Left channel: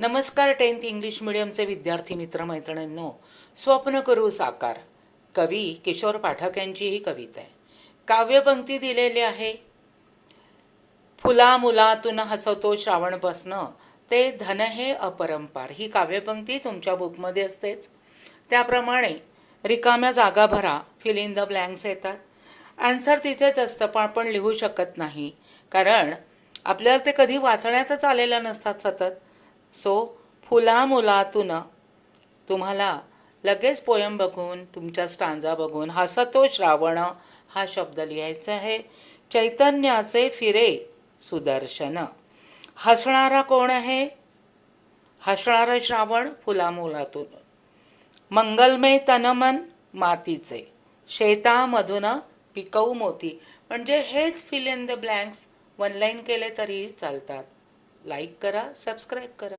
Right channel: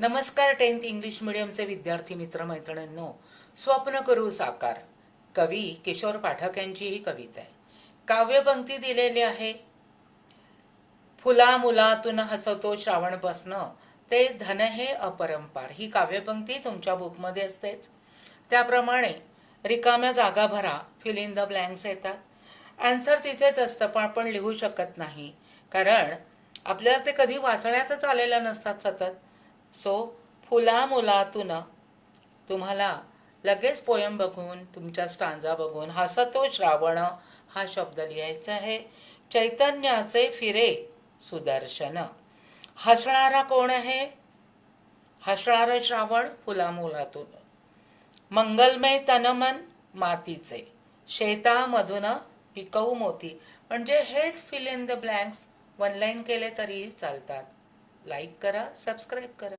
नमस्कार 10th English मीडियमचे विद्यार्थी मित्र मैत्रिणींनो, स्वप्न करू साकार. कवी किशोर पाठक यांची ही कविता आहे. काव्यपंक्ती दिलेली आहे. फुला मुलातून हसतो श्रावण बसणं, ते धन हे अपरंपार. ही काव्यपंक्ती तुमच्या बुकमध्ये असतेच. त्याप्रमाणे रिकाम्या जागा भरा, फिल इन द ब्लँक्स येतात. आन्सर तिथेच असतं, पण आपण लिहू शकत नाही, कारण आपल्याला ते कधी वाचण्यातच आलेलं नसतात सतत. सो फुला मुलातून तुम्हाला लगेच पोयम बघून, तुमच्या स्टांजा बघून हसतो श्रावण हा शब्द लिहायचा आहे. चैतन्याचे फिरे सुदर्शन. हसणारा कोण आहे? हसणारं श्रावण फुला मुलातून. मंगलमय तनमन मातीचे, शेतामधून पिकवू मोती. म्हणजे हेच fill in the blanks one line केले तरीही चालतात. लाईक करा, सबस्क्राईब करा.